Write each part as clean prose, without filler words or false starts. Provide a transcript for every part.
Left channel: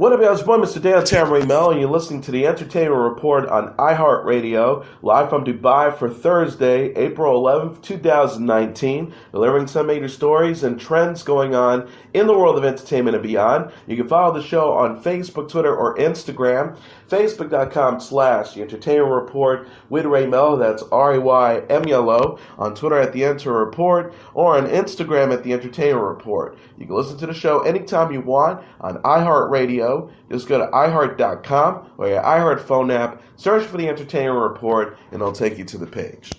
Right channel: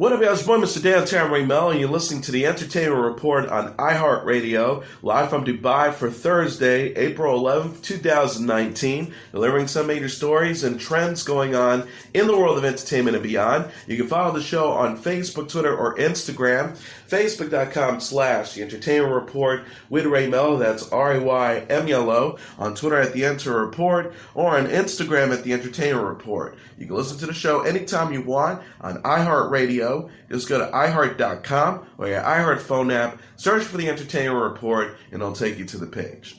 What up, guys? It's your boy, Mr. Dan Tamari Melo, and you're listening to the Entertainment Report on iHeartRadio, live from Dubai for Thursday, April 11th, 2019, delivering some major stories and trends going on in the world of entertainment and beyond. You can follow the show on Facebook, Twitter, or Instagram. Facebook.com/The Entertainment Report with Ray Melo, that's RAYMELO, on Twitter at The Enter Report, or on Instagram at The Entertainment Report. You can listen to the show anytime you want on iHeartRadio. Just go to iHeart.com or your iHeart phone app, search for The Entertainment Report, and it'll take you to the page.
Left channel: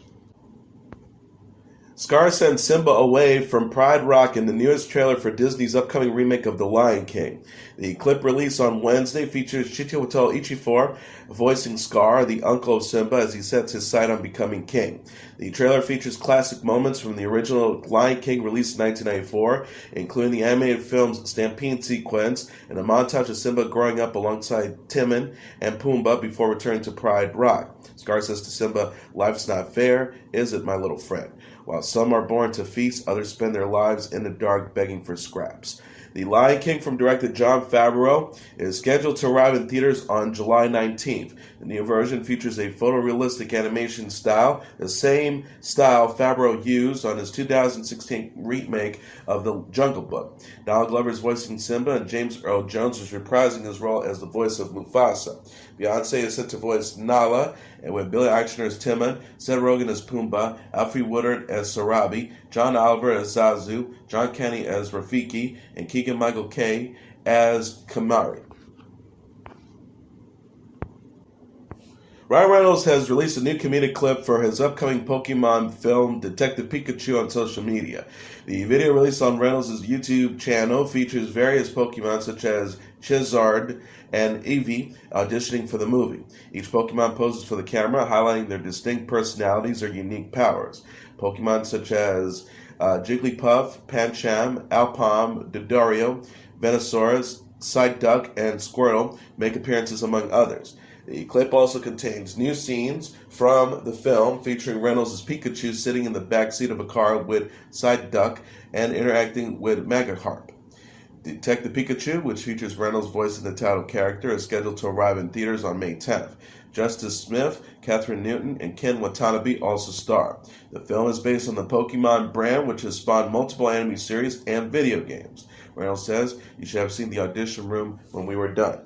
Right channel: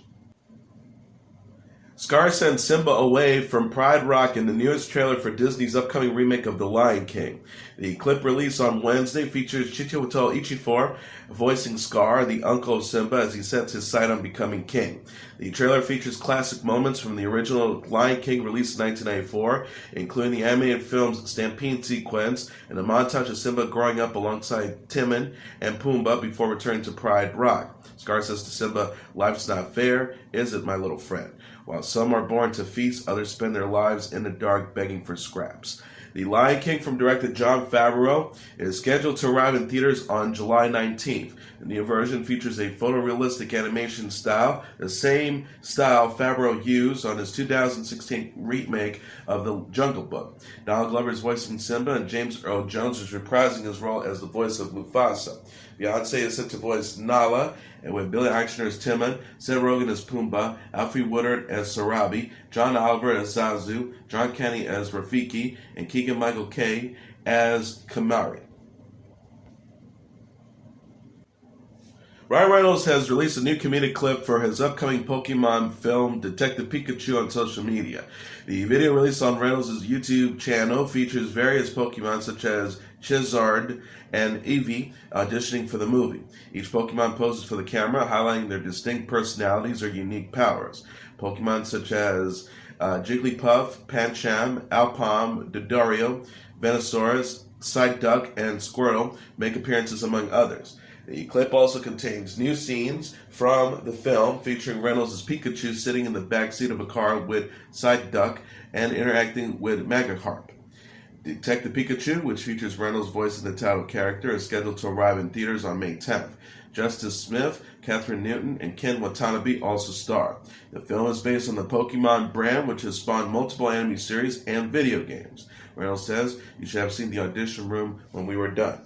Scar sends Simba away from Pride Rock in the newest trailer for Disney's upcoming remake of The Lion King. The clip released on Wednesday features Chiwetel Ejiofor voicing Scar, the uncle of Simba, as he sets his sight on becoming king. The trailer features classic moments from the original Lion King released in 1994, including the animated film's Stampede sequence and a montage of Simba growing up alongside Timon and Pumbaa before returning to Pride Rock. Scar says to Simba, "Life's not fair, is it, my little friend? While some are born to feast, others spend their lives in the dark begging for scraps." The Lion King from director Jon Favreau is scheduled to arrive in theaters on July 19th. The new version features a photorealistic animation style, the same style Favreau used on his 2016 remake of The Jungle Book. Donald Glover is voicing Simba, and James Earl Jones is reprising his role as the voice of Mufasa. Beyonce is set to voice Nala, and with Billy Eichner as Timon, Seth Rogen as Pumbaa, Alfre Woodard as Sarabi, John Oliver as Zazu, John Kenny as Rafiki, and Keegan-Michael Kay as Kamari. Ryan Reynolds has released a new comedic clip for his upcoming Pokemon film, Detective Pikachu, on social media. The video released on Reynolds' YouTube channel features various Pokemon such as Charizard and Evee auditioning for the movie. Each Pokemon poses for the camera, highlighting their distinct personalities or unique powers. Pokemon such as Jigglypuff, Pancham, Alpam, Dodorio, Venusaurus, Psyduck, and Squirtle make appearances among others. The clip also contains new scenes from the film featuring Reynolds' Pikachu sitting in the backseat of a car with Psyduck and interacting with Magikarp. Detective Pikachu, which features Reynolds voicing the title character, is scheduled to arrive in theaters on May 10th. Justice Smith, Catherine Newton, and Ken Watanabe also star. The film is based on the Pokemon brand, which has spawned multiple anime series and video games. Reynolds says, "You should have seen the audition room when we were done."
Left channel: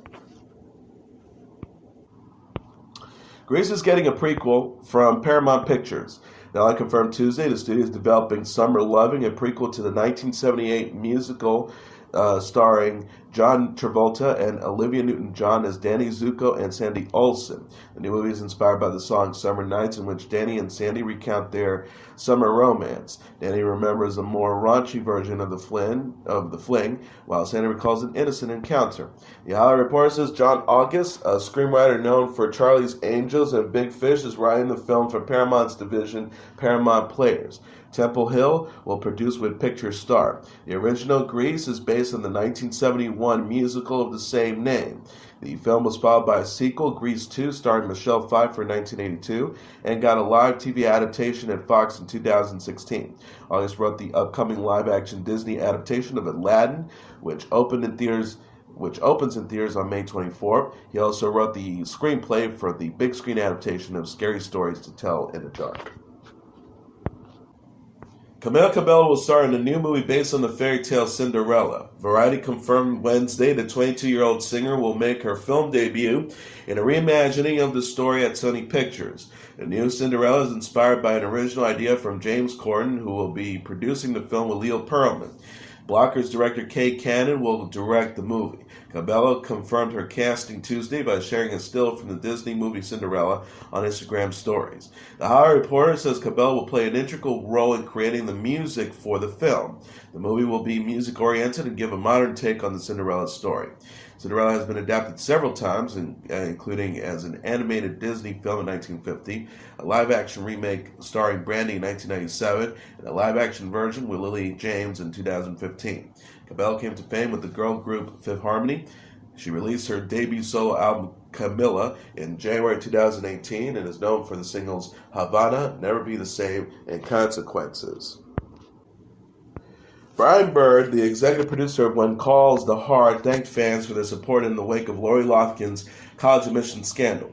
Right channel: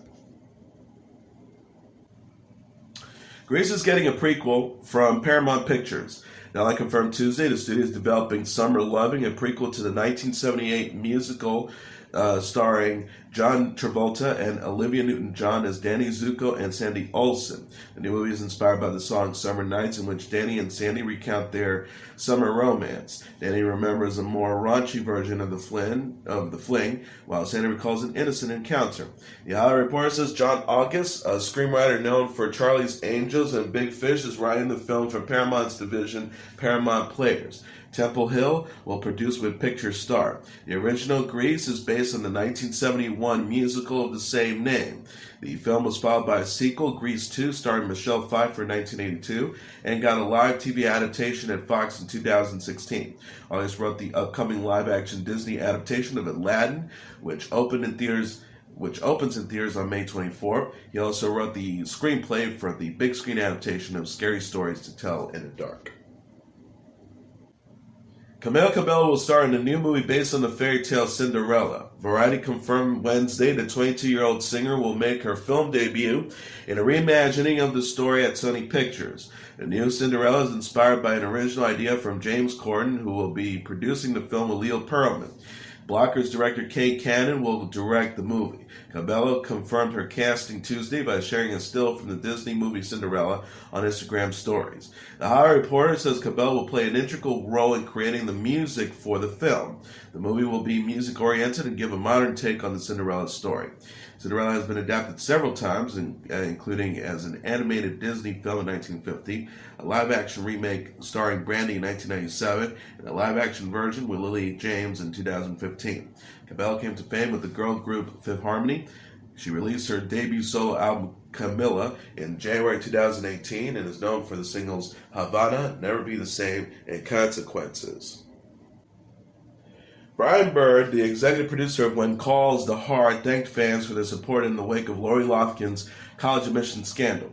Grease is getting a prequel from Paramount Pictures. Now, I confirmed Tuesday the studio is developing Summer Loving, a prequel to the 1978 musical starring John Travolta and Olivia Newton-John as Danny Zuko and Sandy Olsen. The new movie is inspired by the song Summer Nights, in which Danny and Sandy recount their summer romance. Danny remembers a more raunchy version of the fling, while Sandy recalls an innocent encounter. The Hollywood Reporter says John August, a screenwriter known for Charlie's Angels and Big Fish, is writing the film for Paramount's division, Paramount Players. Temple Hill will produce with Picture Star. The original Grease is based on the 1971 musical of the same name. The film was followed by a sequel, Grease 2, starring Michelle Pfeiffer in 1982, and got a live TV adaptation at Fox in 2016. August wrote the upcoming live-action Disney adaptation of Aladdin, which opens in theaters on May 24th. He also wrote the screenplay for the big screen adaptation of Scary Stories to Tell in the Dark. Camila Cabello will star in a new movie based on the fairy tale Cinderella. Variety confirmed Wednesday the 22-year-old singer will make her film debut in a reimagining of the story at Sony Pictures. The new Cinderella is inspired by an original idea from James Corden, who will be producing the film with Leo Pearlman. Blockers director Kay Cannon will direct the movie. Cabello confirmed her casting Tuesday by sharing a still from the Disney movie Cinderella on Instagram stories. The Hollywood Reporter says Cabello will play an integral role in creating the music for the film. The movie will be music-oriented and give a modern take on the Cinderella story. Cinderella has been adapted several times, including as an animated Disney film in 1950, a live-action remake starring Brandy in 1997, and a live-action version with Lily James in 2015. Cabello came to fame with the girl group Fifth Harmony. She released her debut solo album, Camila, in January 2018 and is known for the singles Havana, Never Be the Same, and Consequences. Brian Bird, the executive producer of When Calls the Heart, thanked fans for their support in the wake of Lori Loughlин's college admissions scandal.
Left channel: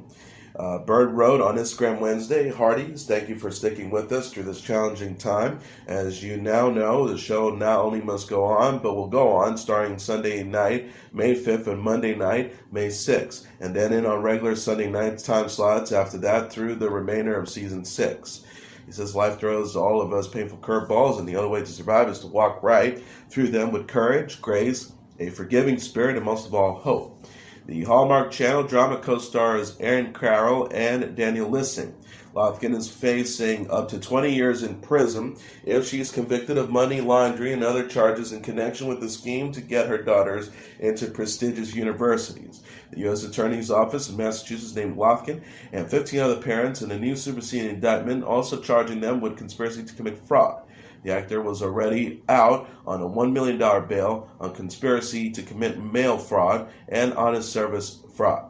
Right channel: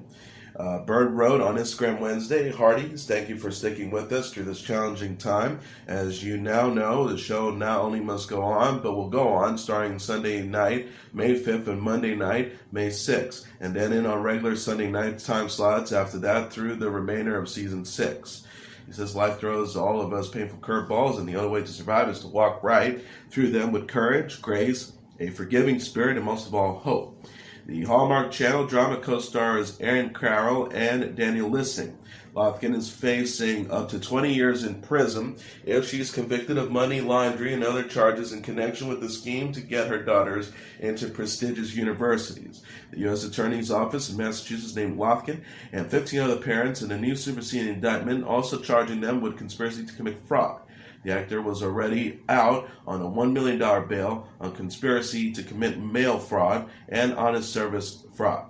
Bird wrote on Instagram Wednesday, "Hearties, thank you for sticking with us through this challenging time. As you now know, the show not only must go on, but will go on, starting Sunday night, May 5th, and Monday night, May 6th, and then in on regular Sunday night time slots after that through the remainder of season 6. He says life throws all of us painful curveballs, and the only way to survive is to walk right through them with courage, grace, a forgiving spirit, and most of all, hope." The Hallmark Channel drama co-stars Erin Carroll and Daniel Lissing. Loughlin is facing up to 20 years in prison if she is convicted of money laundering and other charges in connection with the scheme to get her daughters into prestigious universities. The U.S. Attorney's Office in Massachusetts named Loughlin and 15 other parents in a new superseding indictment, also charging them with conspiracy to commit fraud. The actor was already out on a $1 million bail on conspiracy to commit mail fraud and honest service fraud.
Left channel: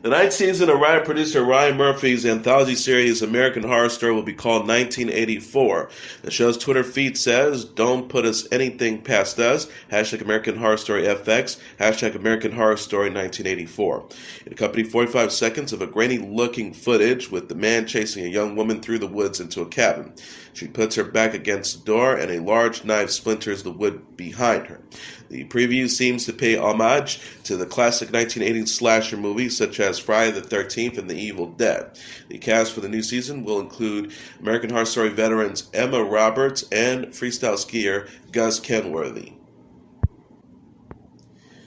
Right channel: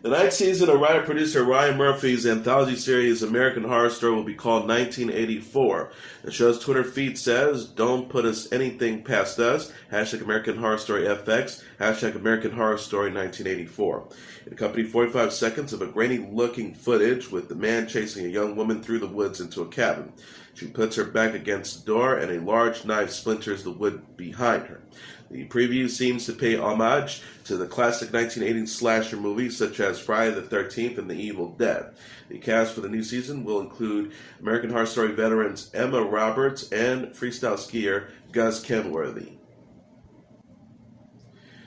The ninth season of writer-producer Ryan Murphy's anthology series American Horror Story will be called 1984. The show's Twitter feed says, "Don't put us anything past us, hashtag American Horror Story FX, hashtag American Horror Story 1984. It accompanied 45 seconds of a grainy-looking footage with the man chasing a young woman through the woods into a cabin. She puts her back against the door and a large knife splinters the wood behind her. The preview seems to pay homage to the classic 1980s slasher movies such as Friday the 13th and The Evil Dead. The cast for the new season will include American Horror Story veterans Emma Roberts and freestyle skier Gus Kenworthy.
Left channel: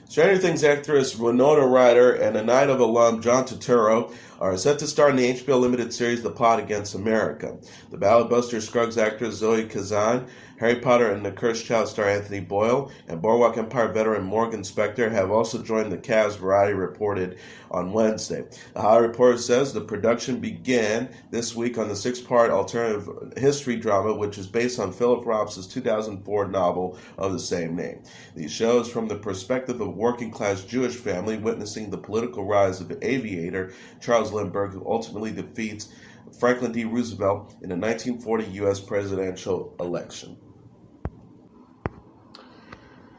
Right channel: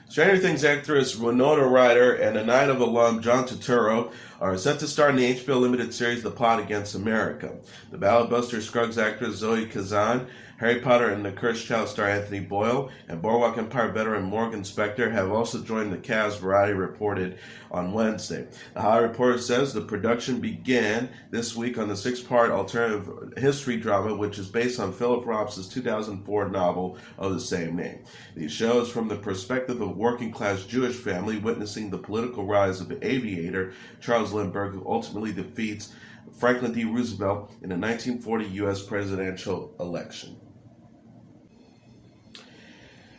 Stranger Things actress Winona Ryder and a Night of alum John Turturro are set to star in the HBO limited series The Plot Against America. The Ballad-Buster Scruggs actress Zoe Kazan, Harry Potter and the Cursed Child star Anthony Boyle, and Boardwalk Empire veteran Morgan Spector have also joined the cast, Variety reported on Wednesday. The Hollywood Reporter says the production began this week on the 6-part alternative history drama, which is based on Philip Roth's 2004 novel of the same name. The show is from the perspective of a working-class Jewish family witnessing the political rise of aviator Charles Lindbergh, who ultimately defeats Franklin D. Roosevelt in the 1940 U.S. presidential election.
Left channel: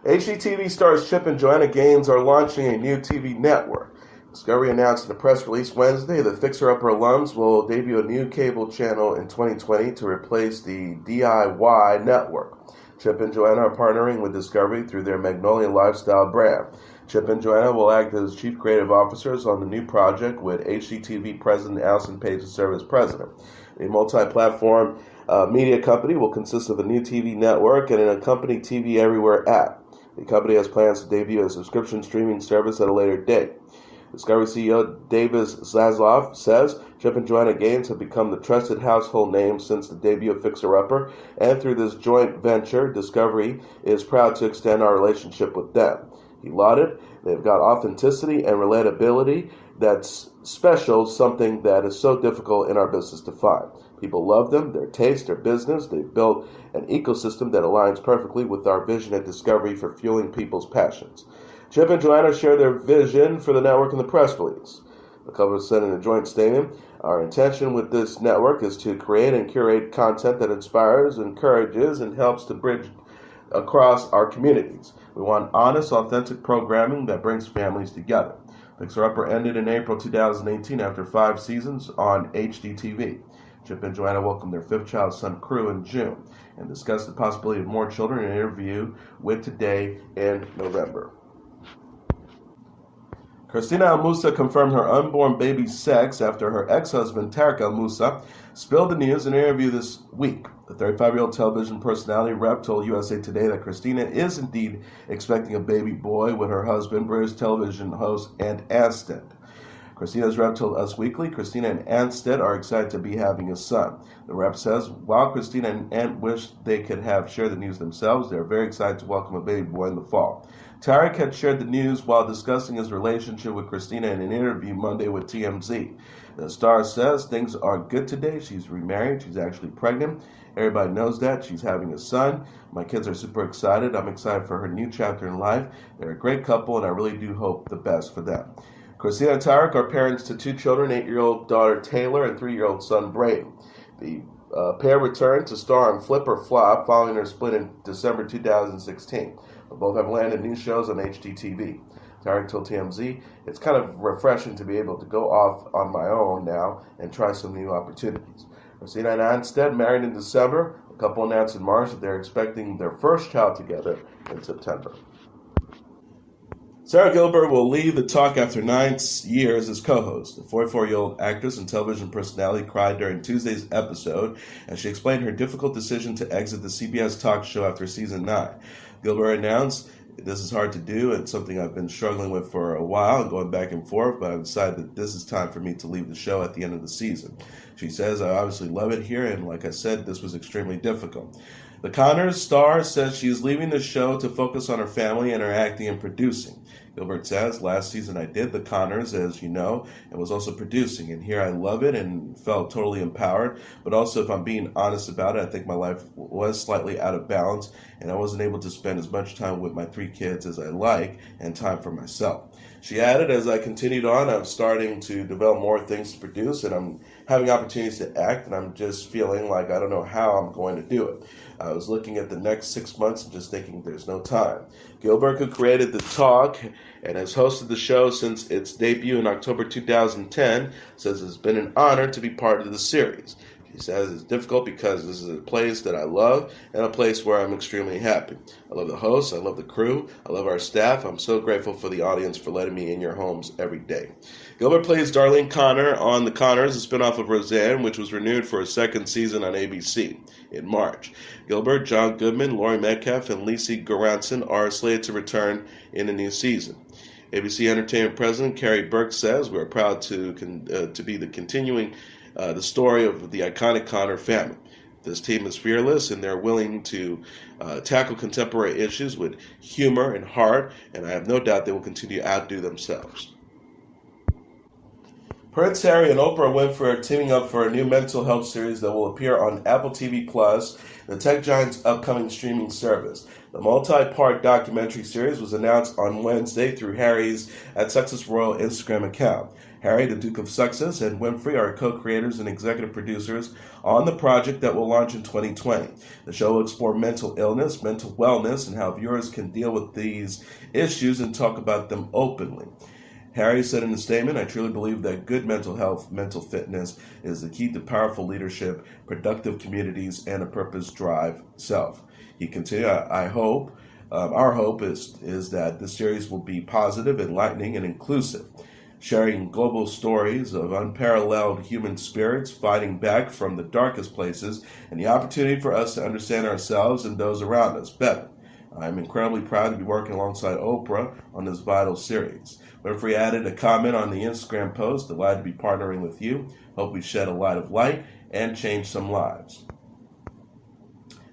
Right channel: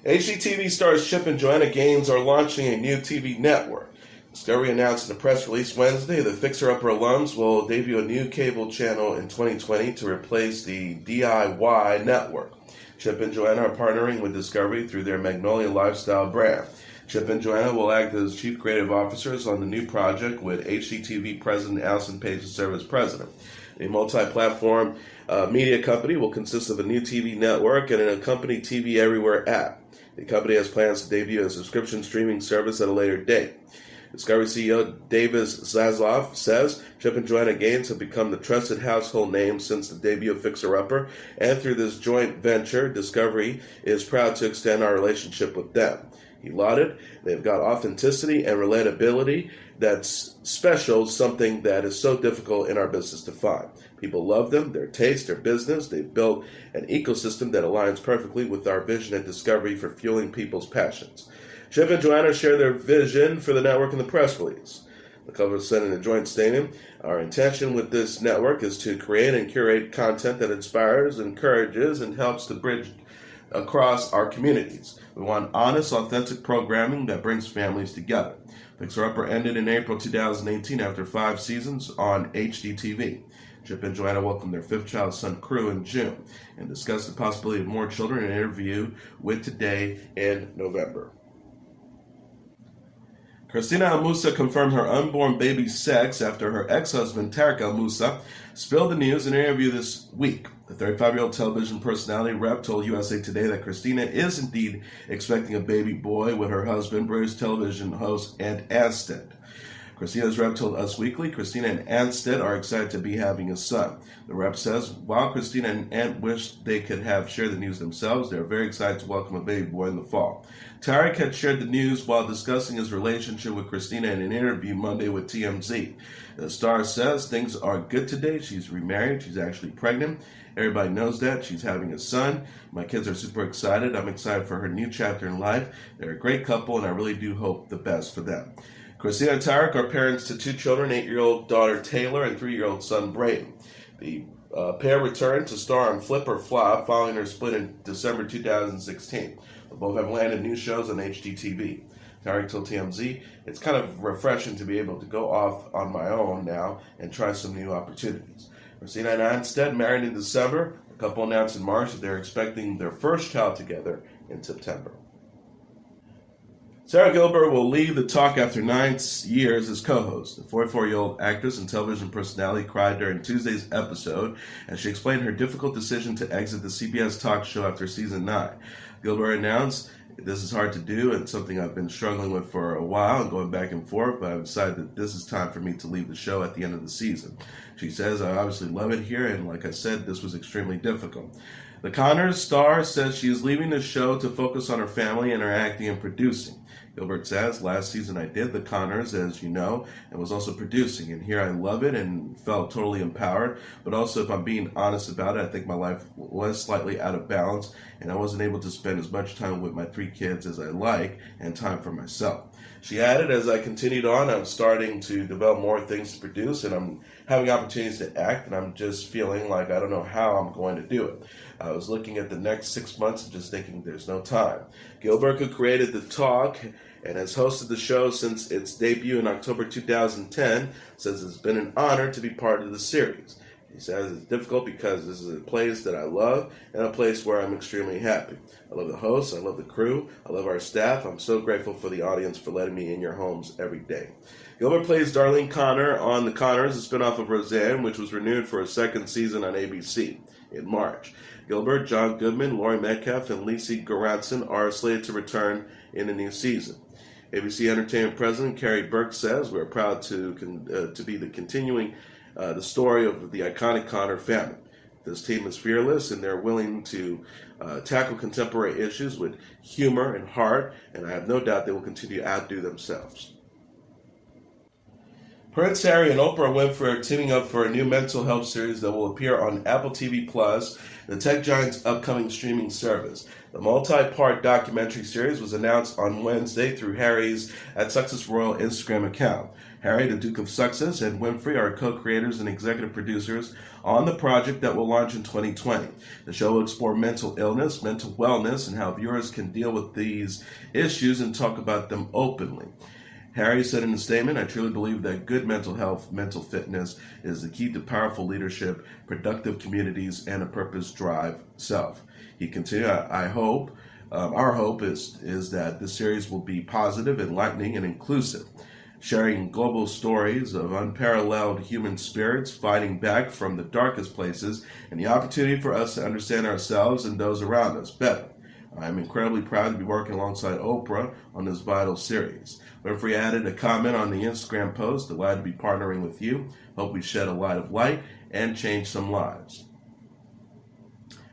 HGTV stars Chip and Joanna Gaines are launching a new TV network. Discovery announced in a press release Wednesday that Fixer Upper alums will debut a new cable channel in 2020 to replace the DIY network. Chip and Joanna are partnering with Discovery through their Magnolia Lifestyle brand. Chip and Joanna will act as chief creative officers on the new project, with HGTV president Allison Page to serve as president. The multi-platform media company will consist of a new TV network and an accompanying TV Everywhere app. The company has plans to debut a subscription streaming service at a later date. Discovery CEO Davis Zaslav says Chip and Joanna Gaines have become the trusted household name since the debut of Fixer Upper, and through this joint venture, Discovery is proud to extend our relationship with them. He lauded, "They've got authenticity and relatability that's special, something that is so difficult in our business to find. People love them, their taste, their business. They've built an ecosystem that aligns perfectly with our vision at Discovery for fueling people's passions." Chip and Joanna share their vision for the network in the press release. The couple said in a joint statement, "Our intention with this network is to create and curate content that inspires, encourages, and helps to bridge across our communities. We want honest, authentic programming that brings families together." Fixer Upper ended in April 2018 after 5 seasons on HGTV. Chip and Joanna welcomed their 5th child, son Crew, in June and discussed the possibility of more children in an interview with Today in November. Christina El Moussa confirmed her unborn baby's sex after her ex-husband, Tarek El Moussa, spilled the news in an interview this week. The 35-year-old television personality rep told USA Today that Christina is indeed expecting a baby boy with her husband, British television host Ant Anstead. Christina's rep told Us Weekly Christina and Anstead are excited to be having a son. The rep says, while Christina and Ant wish they could have shared the news themselves, they are very excited to welcome a baby boy in the fall. Tarek had shared the news while discussing his relationship with Christina in an interview Monday with TMZ. The star says things are good today. She's remarried. She's actually pregnant. Everybody knows that. She's having a son. My kids are super excited. I'm excited for her new chapter in life. They're a great couple, and I really do hope the best for them. Christina and Tarek are parents to 2 children, 8-year-old daughter Taylor and 3-year-old son Brayden. The Pair returned to star on Flip or Flop following their split in December 2016. Both have landed new shows on HGTV. Tarek told TMZ, "It's kind of refreshing to be able to go off on my own now and try some new opportunities." Christina and Anstead married in December. The couple announced in March that they're expecting their first child together in September. Sara Gilbert will leave the talk after 9 years as co-host. The 44-year-old actress and television personality cried during Tuesday's episode as she explained her difficult decision to exit the CBS talk show after season 9. Gilbert announced, "This is hard to do and something I've been struggling with for a while and going back and forth, but I've decided that this is time for me to leave the show at the end of the season." She says, "I obviously love it here, and like I said, this was extremely difficult." The Connors star says she is leaving the show to focus on her family and her acting and producing. Gilbert says, "Last season I did The Connors, as you know, and was also producing, and here I love it and felt totally empowered, but also if I'm being honest about it, I think my life was slightly out of balance, and I wasn't able to spend as much time with my 3 kids as I like, and time for myself." She added, "As I continued on, I'm starting to develop more things to produce, and I'm having opportunities to act, and I'm just feeling like I don't know how I'm going to do it. I was looking at the next 6 months and just thinking there's no time." Gilbert, who created The Talk and has hosted the show since its debut in October 2010, says it's been an honor to be part of the series. She says it's difficult because this is a place that I love and a place where I'm extremely happy. I love the hosts, I love the crew, I love our staff. I'm so grateful for the audience for letting me in your homes every day. Gilbert plays Darlene Connor on The Connors, a spinoff of Roseanne, which was renewed for a second season on ABC in March. Gilbert, John Goodman, Laurie Metcalf, and Lacey Goranson are slated to return in the new season. ABC Entertainment President Carrie Burke says, "We're proud to be continuing the story of the iconic Connor family. This team is fearless and they're willing to tackle contemporary issues with humor and heart, and I have no doubt they will continue to outdo themselves." Prince Harry and Oprah Winfrey are teaming up for a new mental health series that will appear on Apple TV Plus, the tech giant's upcoming streaming service. The multi-part documentary series was announced on Wednesday through Harry's @Success Royal Instagram account. Harry, the Duke of Sussex, and Winfrey are co-creators and executive producers on the project that will launch in 2020. The show will explore mental illness, mental wellness, and how viewers can deal with these issues and talk about them openly. Harry said in a statement, "I truly believe that good mental health, mental fitness is the key to powerful leadership, productive communities, and a purpose-drive self." He continued, "I hope, our hope is that this series will be positive, enlightening, and inclusive, sharing global stories of unparalleled human spirits fighting back from the darkest places and the opportunity for us to understand ourselves and those around us better. I'm incredibly proud to be working alongside Oprah on this vital series." Winfrey added a comment on the Instagram post, "Delighted to be partnering with you. Hope we shed a light of light and change some lives."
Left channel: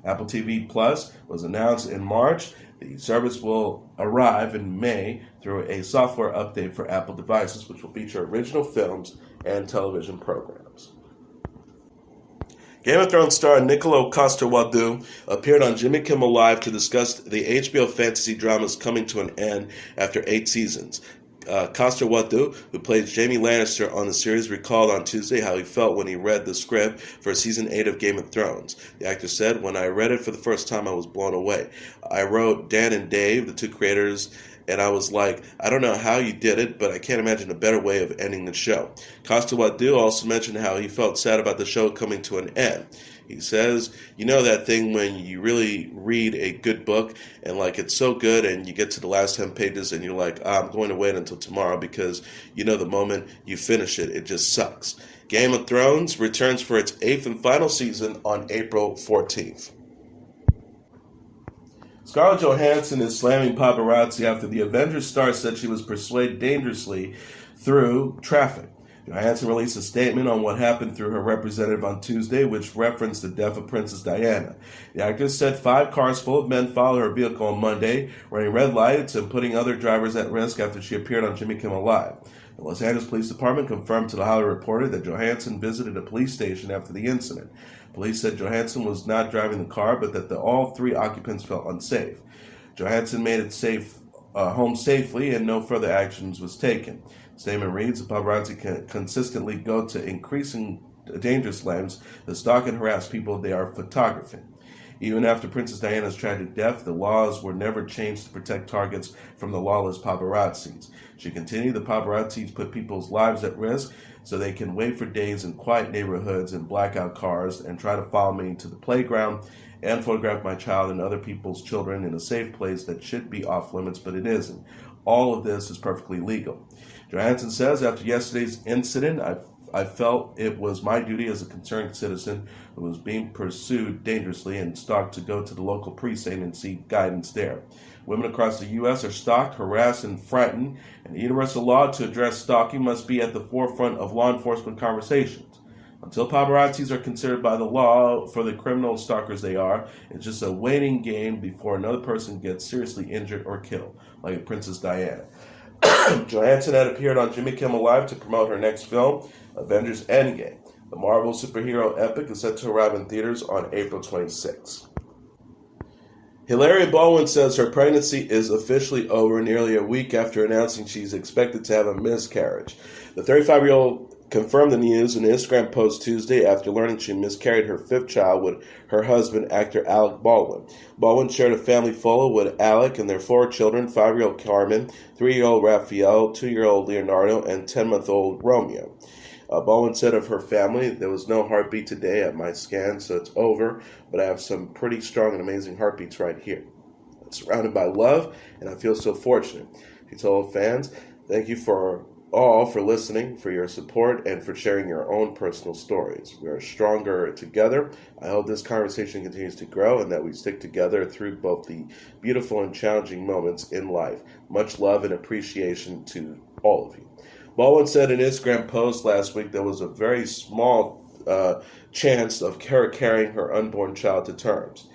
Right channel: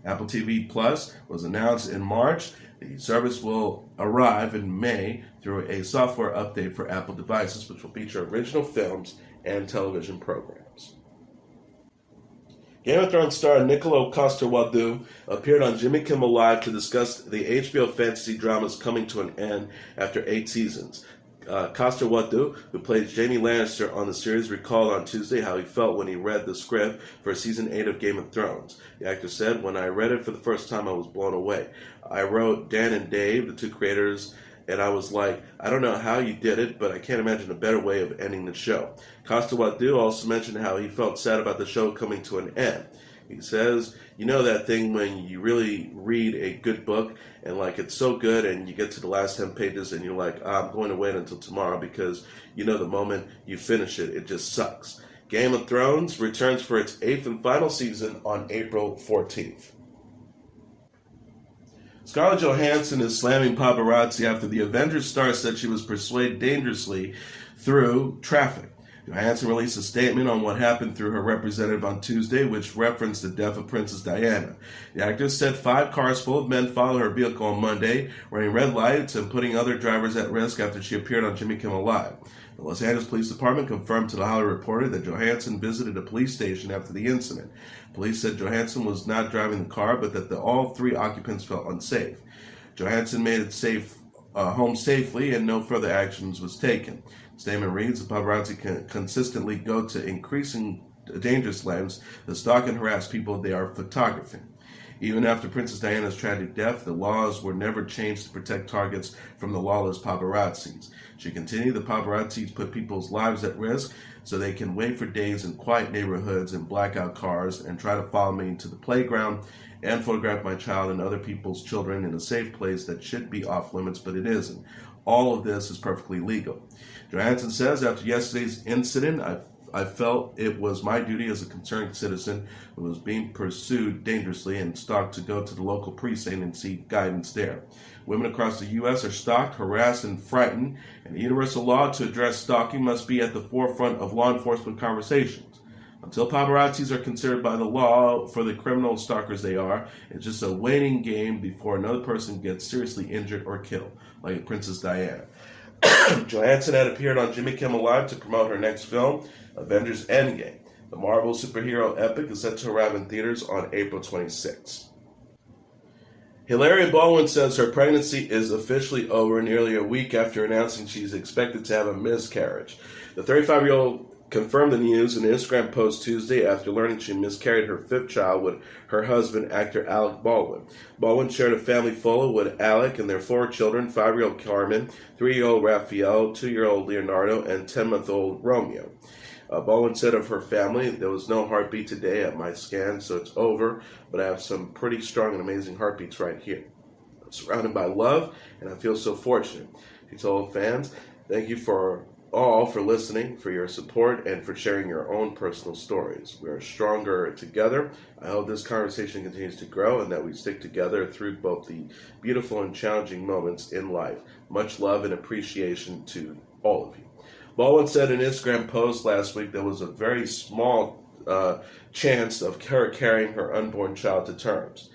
Apple TV Plus was announced in March. The service will arrive in May through a software update for Apple devices, which will feature original films and television programs. Game of Thrones star Nikolaj Coster-Waldau appeared on Jimmy Kimmel Live to discuss the HBO fantasy dramas coming to an end after 8 seasons. Coster-Waldau, who plays Jaime Lannister on the series, recalled on Tuesday how he felt when he read the script for Season 8 of Game of Thrones. The actor said, "When I read it for the first time, I was blown away. I wrote Dan and Dave, the 2 creators, and I was like, I don't know how you did it, but I can't imagine a better way of ending the show." Coster-Waldau also mentioned how he felt sad about the show coming to an end. He says, "You know that thing when you really read a good book and like it's so good and you get to the last 10 pages and you're like, I'm going to wait until tomorrow because you know the moment you finish it, it just sucks." Game of Thrones returns for its 8th and final season on April 14th. Scarlett Johansson is slamming paparazzi after the Avengers star said she was persuaded dangerously through traffic. Johansson released a statement on what happened through her representative on Tuesday, which referenced the death of Princess Diana. The actress said 5 cars full of men followed her vehicle on Monday, running red lights and putting other drivers at risk after she appeared on Jimmy Kimmel Live. The Los Angeles Police Department confirmed to the Hollywood Reporter that Johansson visited a police station after the incident. Police said Johansson was not driving the car, but that all 3 occupants felt unsafe. Johansson made it home safely, and no further actions was taken. The statement reads, "The paparazzi consistently go to increasing dangerous lens that stalk and harass people they are photographing. Even after Princess Diana's tragic death, the laws were never changed to protect targets from the lawless paparazzis. She continued, the paparazzis put people's lives at risk so they can wait for days in quiet neighborhoods and blackout cars and try to follow me to the playground and photograph my child and other people's children in a safe place that should be off limits, but it isn't. All of this is perfectly legal. Johansson says, after yesterday's incident, I felt it was my duty as a concerned citizen who was being pursued dangerously and stalked to go to the local precinct and seek guidance there. Women across the U.S. are stalked, harassed, and frightened, and the universal law to address stalking must be at the forefront of law enforcement conversations. Until paparazzis are considered by the law for the criminal stalkers they are, it's just a waiting game before another person gets seriously injured or killed, like Princess Diana. Johansson had appeared on Jimmy Kimmel Live to promote her next film, Avengers Endgame. The Marvel superhero epic is set to arrive in theaters on April 26. Hilaria Baldwin says her pregnancy is officially over nearly a week after announcing she's expected to have a miscarriage. The 35-year-old confirmed the news in an Instagram post Tuesday after learning she miscarried her fifth child with her husband, actor Alec Baldwin. Baldwin shared a family photo with Alec and their 4 children, 5-year-old Carmen, 3-year-old Raphael, 2-year-old Leonardo, and 10-month-old Romeo. Baldwin said of her family, there was no heartbeat today at my scan, so it's over, but I have some pretty strong and amazing heartbeats right here. I'm surrounded by love, and I feel so fortunate. She told fans, thank you for all for listening, for your support, and for sharing your own personal stories. We are stronger together. I hope this conversation continues to grow and that we stick together through both the beautiful and challenging moments in life. Much love and appreciation to all of you. Baldwin said in an Instagram post last week there was a very small chance of her carrying her unborn child to terms.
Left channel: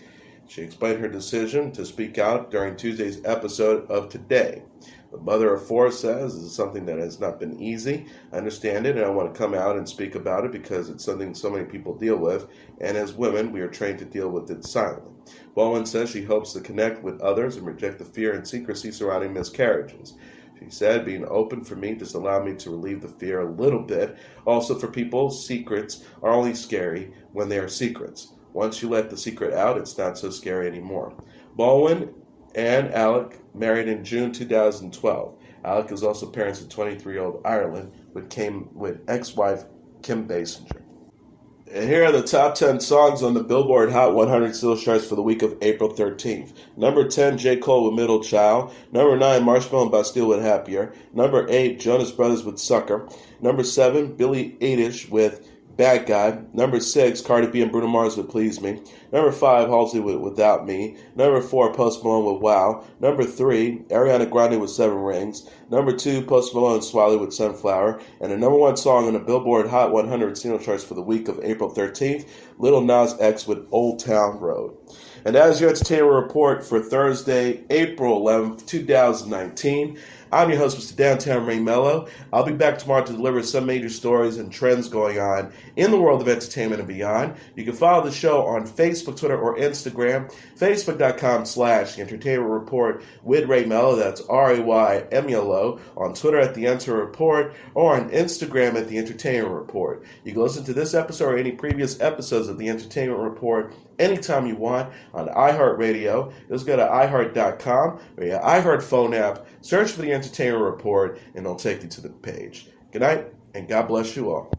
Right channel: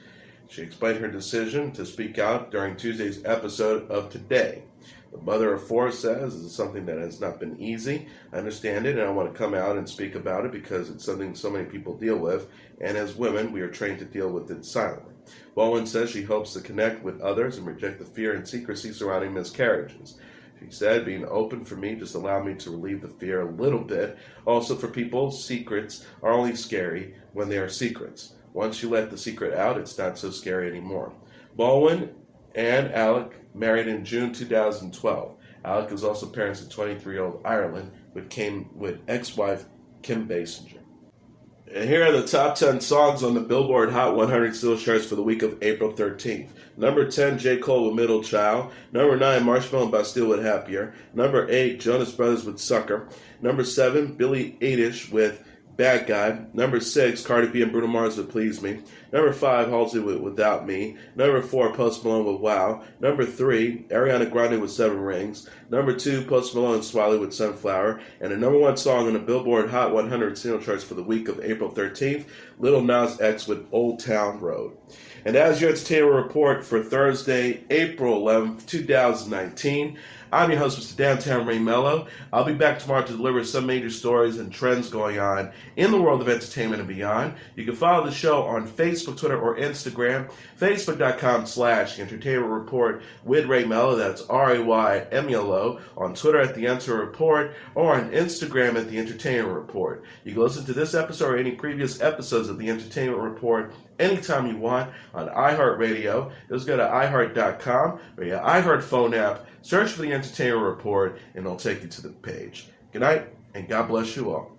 She explained her decision to speak out during Tuesday's episode of Today. The mother of 4 says this is something that has not been easy. I understand it, and I want to come out and speak about it because it's something so many people deal with, and as women, we are trained to deal with it silently. Baldwin says she hopes to connect with others and reject the fear and secrecy surrounding miscarriages. She said, being open for me just allowed me to relieve the fear a little bit. Also, for people, secrets are only scary when they are secrets. Once you let the secret out, it's not so scary anymore. Baldwin and Alec married in June 2012. Alec is also parents of 23-year-old Ireland with ex-wife Kim Basinger. And here are the top 10 songs on the Billboard Hot 100 singles charts for the week of April 13th. Number 10, J. Cole with Middle Child. Number 9, Marshmello and Bastille with Happier. Number 8, Jonas Brothers with Sucker. Number 7, Billie Eilish with Bad Guy. Number 6, Cardi B and Bruno Mars with Please Me. Number 5, Halsey with Without Me. Number 4, Post Malone with Wow. Number 3, Ariana Grande with 7 Rings. Number 2, Post Malone and Swiley with Sunflower. And the number 1 song on the Billboard Hot 100 single charts for the week of April 13th, Lil Nas X with Old Town Road. And that is your entertainment report for Thursday, April 11th, 2019. I'm your host, Mr. Downtown Ray Melo. I'll be back tomorrow to deliver some major stories and trends going on in the world of entertainment and beyond. You can follow the show on Facebook, Twitter, or Instagram. Facebook.com/Entertainment Report with Ray Melo. That's RAYMELO. On Twitter at The Enter Report, or on Instagram at The Entertainment Report. You can listen to this episode or any previous episodes of The Entertainment Report anytime you want on iHeartRadio. Just go to iHeart.com or your iHeart phone app, search for The Entertainment Report, and it'll take you to the page. Good night, and God bless you all.